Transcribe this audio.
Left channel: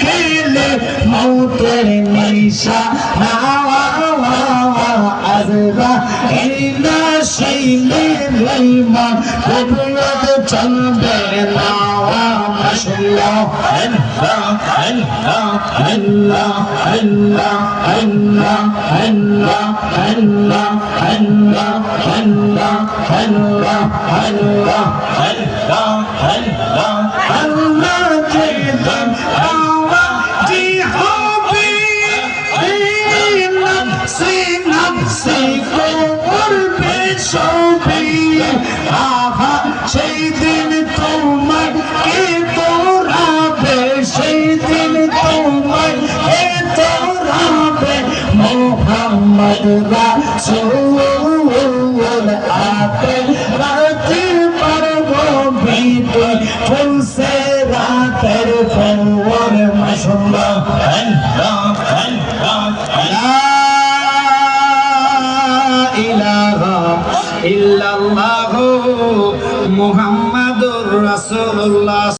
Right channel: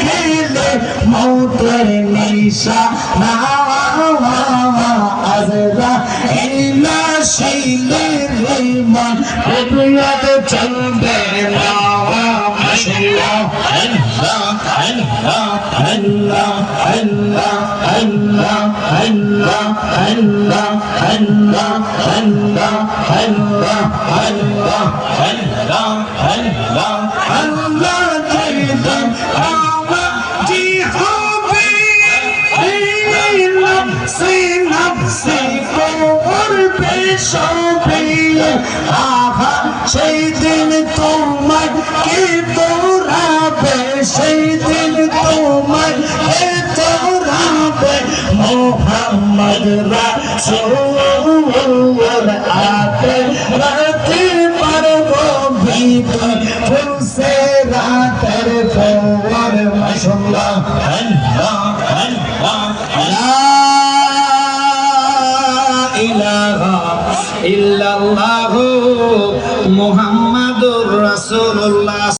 খেলে মৌতের নিশা আজরা ইল্লা শাইলে রহমান রবুয়াত চলবে না মাশাআল্লাহ আল্লাহ আল্লাহ আল্লাহ আল্লাহ আল্লাহ আল্লাহ আল্লাহ আল্লাহ আল্লাহ আল্লাহ আল্লাহ আল্লাহ আল্লাহ আল্লাহ দিন আওয়াজি হবে এই নফসি নফসি করবে সবে আহা সেই দিন তোমার কে তোরাবে সেই দিন তোমার কে তোরাবে মোহাম্মদ রাসূল আপে রাতে পারবো ভিতরে ফুলসে রাতের ফোর মাশাআল্লাহ আল্লাহ আল্লাহ লা ইলাহা ইল্লাল্লাহু মুহাম্মাদুর রাসূলুল্লাহ।